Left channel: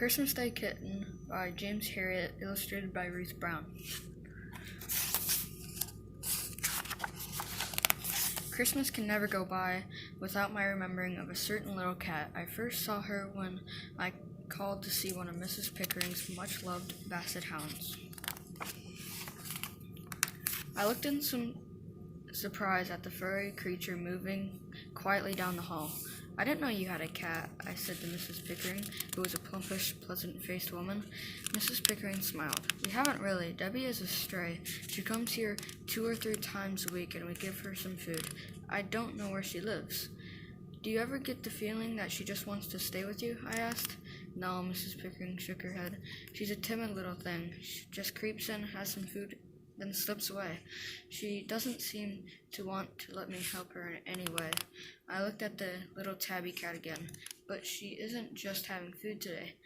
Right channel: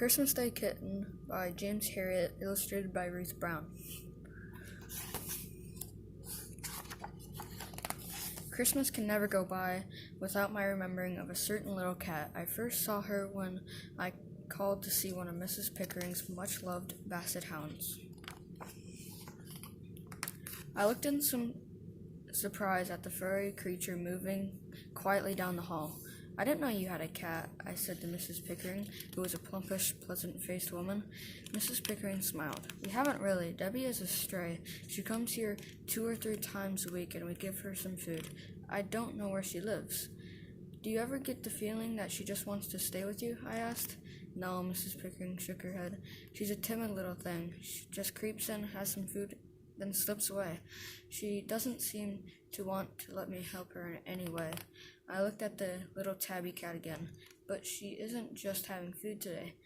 Christmas Day Kitten by James Herriot, illustrated by Ruth Brown. Christmas can never go by without my remembering of a certain little cat. I first saw her when I called to see one of Mrs. Pickering's much-loved basset hounds. I looked in some surprise at the furry creature moving quietly down the hall. "I didn't know you had a cat," I said to Mrs. Pickering, who was a plumpish, pleasant-faced woman. Mrs. Pickering smiled. "We haven't really. Debbie is a stray. She comes here 2 or 3 times a week, and we give her some food. I don't know where she lives." "Do you ever get the feeling that she just wants to stay with you?" I asked. "No," Mrs. Pickering shook her head. "She's a timid little thing. She just creeps in, has some food, then slips away. She doesn't seem to want to let me help her in any way." I looked at the little tabby cat again. "But she isn't just having food today.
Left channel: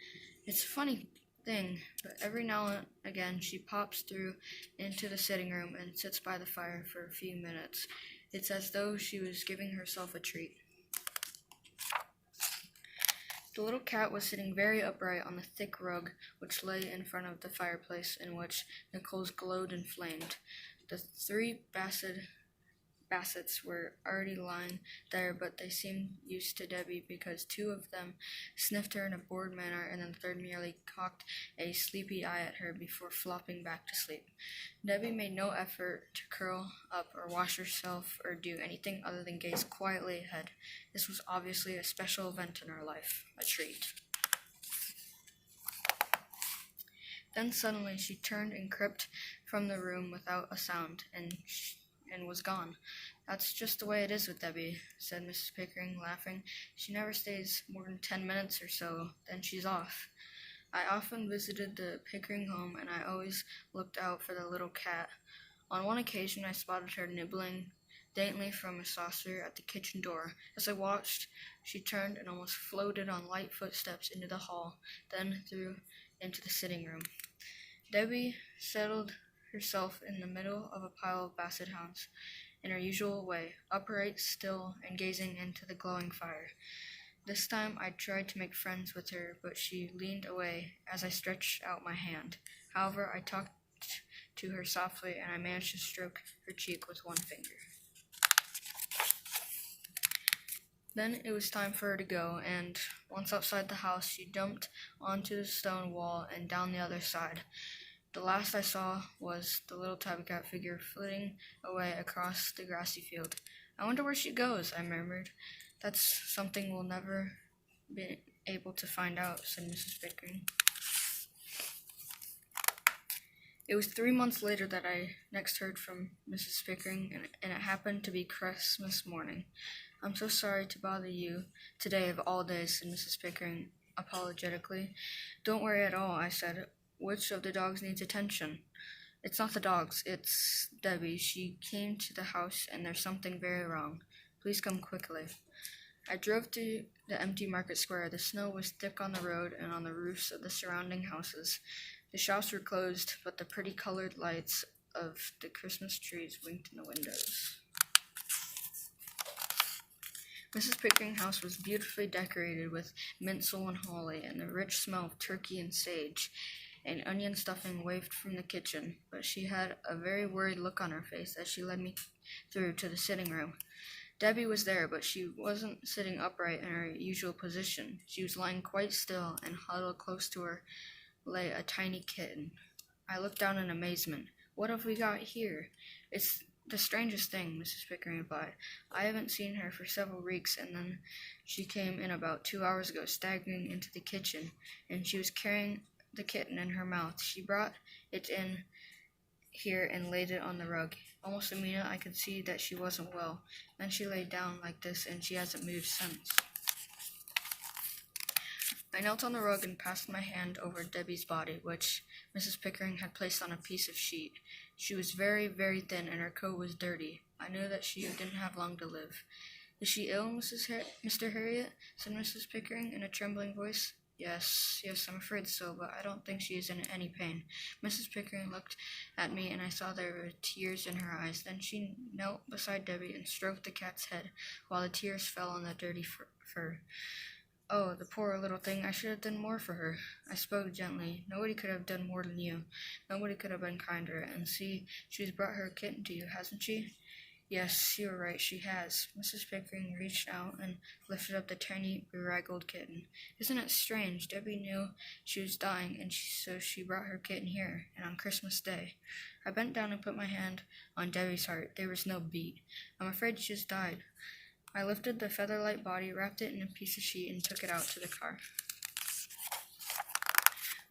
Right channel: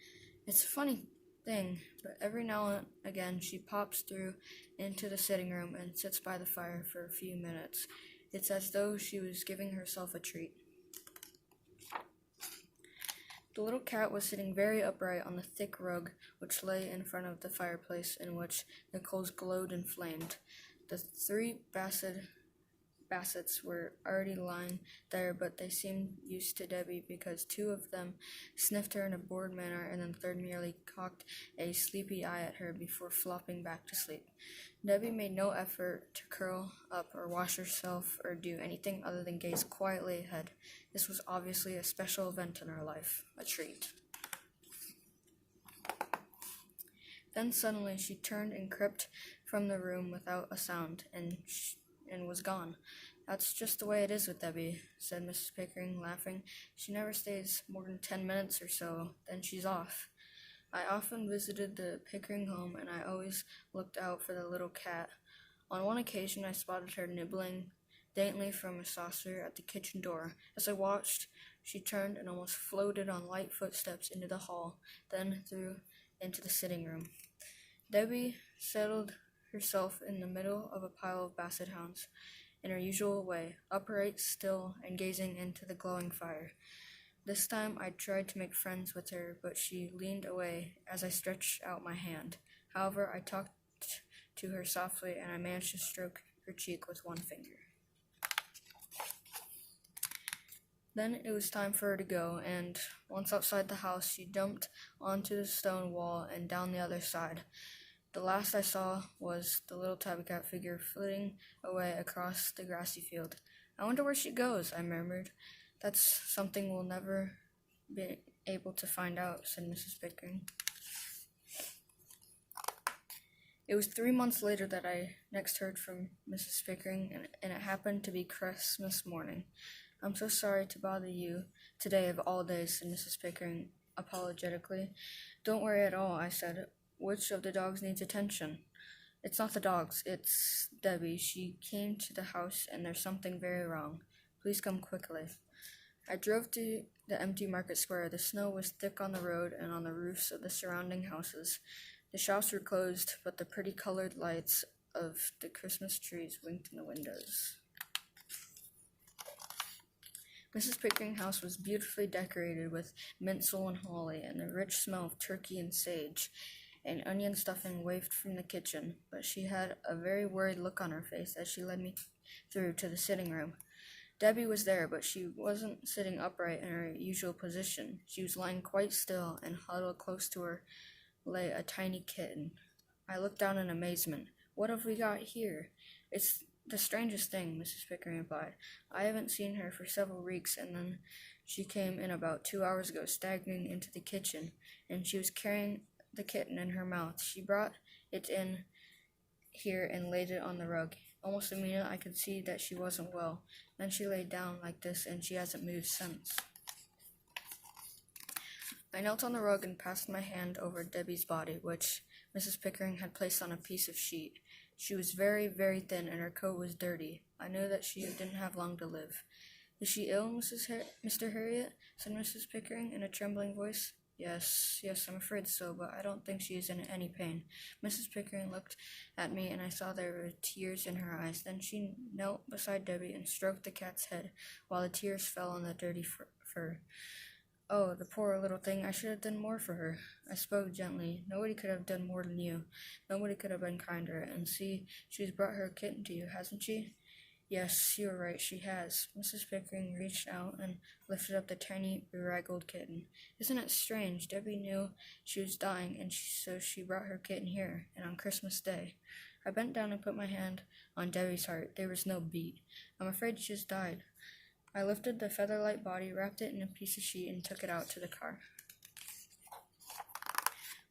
It's a funny thing, but every now and again she pops through into the sitting room and sits by the fire for a few minutes. It's as though she was giving herself a treat." The little cat was sitting very upright on the thick rug which lay in front of the fireplace, in which the coals glowed and flamed. The 3 bassets were already lying there, but they seemed used to Debbie because 2 of them sniffed her in a bored manner, and the 3rd merely cocked a sleepy eye at her before flopping back to sleep. Debbie made no effort to curl up or wash herself or do anything other than gaze quietly ahead. This was obviously a special event in her life, a treat. Then suddenly she turned and crept from the room without a sound, and was gone. "That's just the way it is with Debbie," said Mrs. Pickering, laughing. "She never stays more than 10 minutes or so, then she's off." I often visited the Pickering home, and I always looked out for the little cat. On one occasion I spotted her nibbling daintily from a saucer at the kitchen door. As I watched, she turned and almost floated on light footsteps into the hall, then through into the sitting room. Debbie settled herself in the middle of a pile of basset hounds, in her usual way, upright, still, and gazing into the glowing fire. This time I tried to make friends with her, but she leaned away as I stretched out my hand. However, I talked to her softly, and I managed to stroke her cheek with one finger. Then it was time for her to go, and once outside the house, she jumped onto the stone wall and down the other side. The last I saw was the little tabby cat figure flitting away across the grassy field. "I wonder where she goes," I murmured. "That's something we'll never be able to find out," said Mrs. Pickering. It was 3 months later that I next heard from Mrs. Pickering, and it happened to be Christmas morning. "I'm so sorry to bother you today of all days," said Mrs. Pickering apologetically. "Don't worry at all," I said. "Which of the dogs needs attention?" "It's not the dogs, it's Debbie. She came to the house, and there's something very wrong. Please come quickly." I drove to the empty market square. The snow was thick on the road and on the roofs of the surrounding houses. The shops were closed, but the pretty colored lights of the Christmas trees winked in the windows. Mrs. Pickering's house was beautifully decorated with mincemeat and holly, and the rich smell of turkey and sage and onion stuffing wafted from the kitchen, but she had a very worried look on her face as she led me through to the sitting room. Debbie was there, but she wasn't sitting upright in her usual position. She was lying quite still, and huddled close to her lay a tiny kitten. I looked down in amazement. "What have we got here?" "It's the strangest thing," Mrs. Pickering replied. "I haven't seen her for several weeks, and then she came in about 2 hours ago, staggering into the kitchen, and she was carrying the kitten in her mouth. She brought it in here and laid it on the rug. Almost immediately I could see that she wasn't well. Then she lay down like this, and she hasn't moved since." I knelt on the rug and passed my hand over Debbie's body, which Mrs. Pickering had placed on a piece of sheet. She was very, very thin, and her coat was dirty. I knew that she didn't have long to live. "Is she ill, Mr. Herriot?" said Mrs. Pickering in a trembling voice. Yes, I'm afraid so, but I don't think she is in any pain." Mrs. Pickering looked at me, and I saw there were tears in her eyes. Then she knelt beside Debbie and stroked the cat's head, while the tears fell on the dirty fur. Oh, the poor little thing, I should have done more for her. I spoke gently. Nobody could have done more than you. Nobody could have been kinder. And see, she's brought her kitten to you, hasn't she? Yes, you're right, she has. Mrs. Pickering reached out and lifted up the tiny, bedraggled kitten. Isn't it strange? Debbie knew she was dying, and so she brought her kitten here, and on Christmas Day. I bent down and put my hand on Debbie's heart. There was no beat. I'm afraid she just died. I lifted the feather-light body, wrapped it in a piece of sheet, and took it out to the car.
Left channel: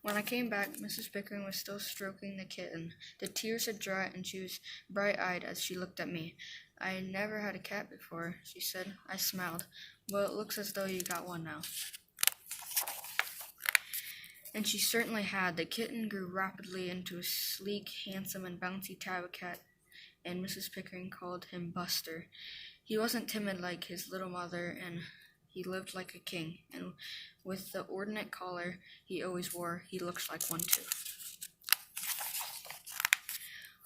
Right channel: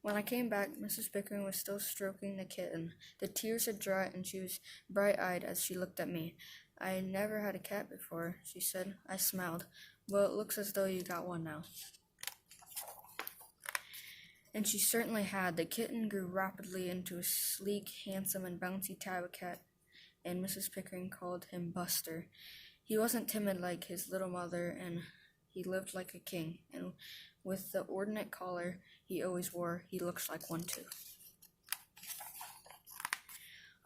When I came back, Mrs. Pickering was still stroking the kitten. The tears had dried, and she was bright-eyed as she looked at me. I never had a cat before, she said. I smiled. Well, it looks as though you got one now. And she certainly had. The kitten grew rapidly into a sleek, handsome, and bouncy tabby cat, and Mrs. Pickering called him Buster. He wasn't timid like his little mother, and he lived like a king, and with the ornate collar he always wore, he looks like one too.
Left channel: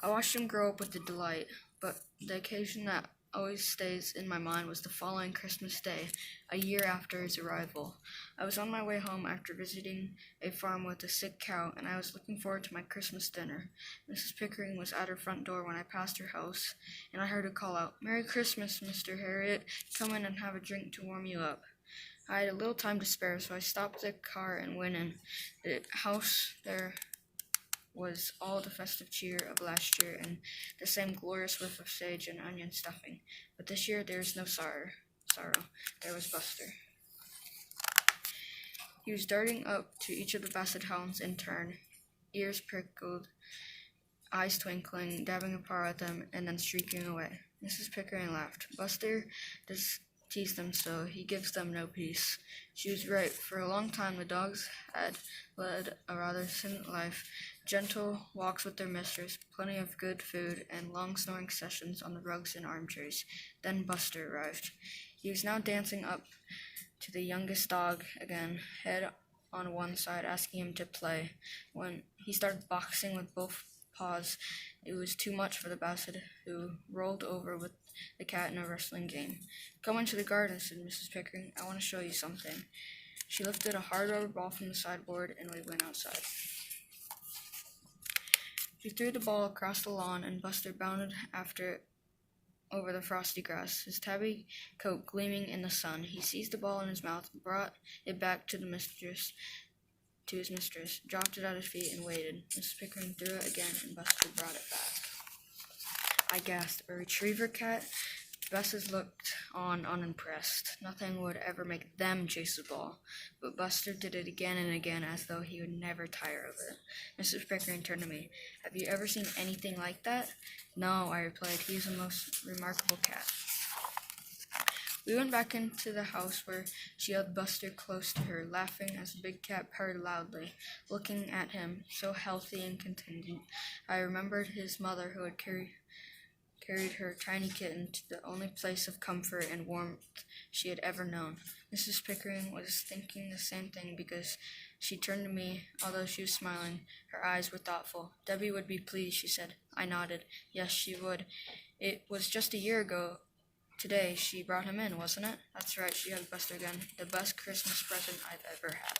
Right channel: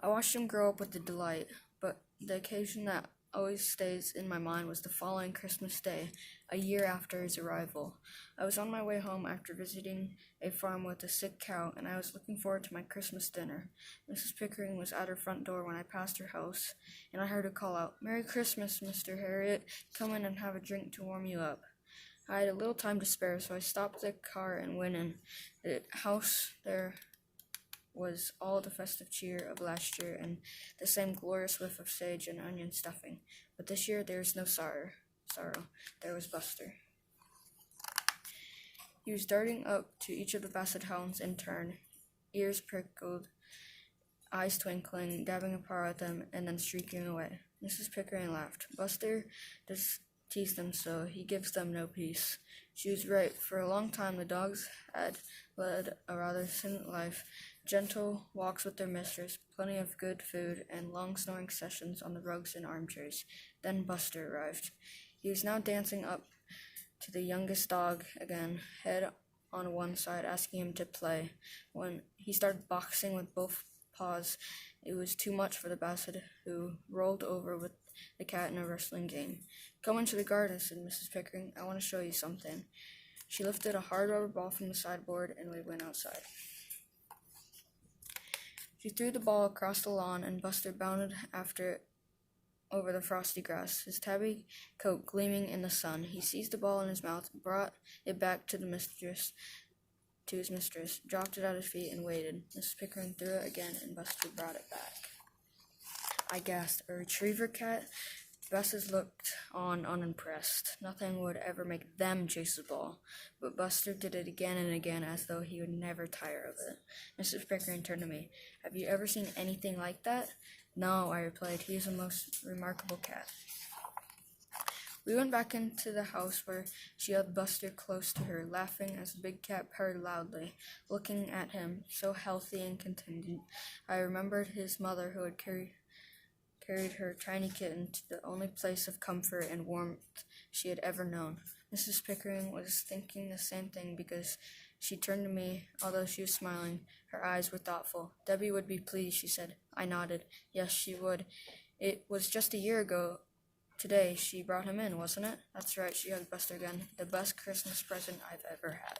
I watched him grow up with delight, but the occasion that always stays in my mind was the following Christmas Day, a year after his arrival. I was on my way home after visiting a farm with a sick cow, and I was looking forward to my Christmas dinner. Mrs. Pickering was at her front door when I passed her house, and I heard her call out, "Merry Christmas, Mr. Herriot. Come in and have a drink to warm you up." I had a little time to spare, so I stopped the car and went in. The house there was all the festive cheer of last year and the same glorious whiff of sage and onion stuffing. But this year there was no sorrow. There was Buster. He was darting up to each of the basset hounds in turn, ears prickled, eyes twinkling, dabbing a paw at them, and then streaking away. Mrs. Pickering laughed. Buster does tease them so, he gives them no peace. She was right. For a long time the dogs had led a rather silent life, gentle walks with their mistress, plenty of good food, and long snoring sessions on the rugs and armchairs. Then Buster arrived. He was now dancing up to the youngest dog again, head on one side, asking him to play. When he started boxing with both paws, it was too much for the basset, who rolled over with the cat in a wrestling game. "Come into the garden," said Mrs. Pickering. "I want to show you something." She lifted a hard rubber ball from the sideboard, and we went outside. She threw the ball across the lawn, and Buster bounded after it over the frosty grass, his tabby coat gleaming in the sun. He seized the ball in his mouth, brought it back to his mistress, dropped it at his feet, and waited. Mrs. Pickering threw it again, and Buster brought it back. I gasped. A retriever cat? Buster looked on unimpressed. Nothing would ever make them chase the ball. But Buster did it again and again, as though he would never tire of it. Mrs. Pickering turned to me. "Have you ever seen anything like that?" "No," I replied. "He is a most remarkable cat." We went back into the house, where she held Buster close to her, laughing as the big cat purred loudly, looking at him, so healthy and contented. I remembered his mother, who had carried her tiny kitten to the only place of comfort and warmth she had ever known. Mrs. Pickering was thinking the same thing, because she turned to me. Although she was smiling, her eyes were thoughtful. "Debbie would be pleased," she said. I nodded. Yes, she would. It was just a year ago today she brought him in, wasn't it? That's right, she hugged Buster again. The best Christmas present I've ever had.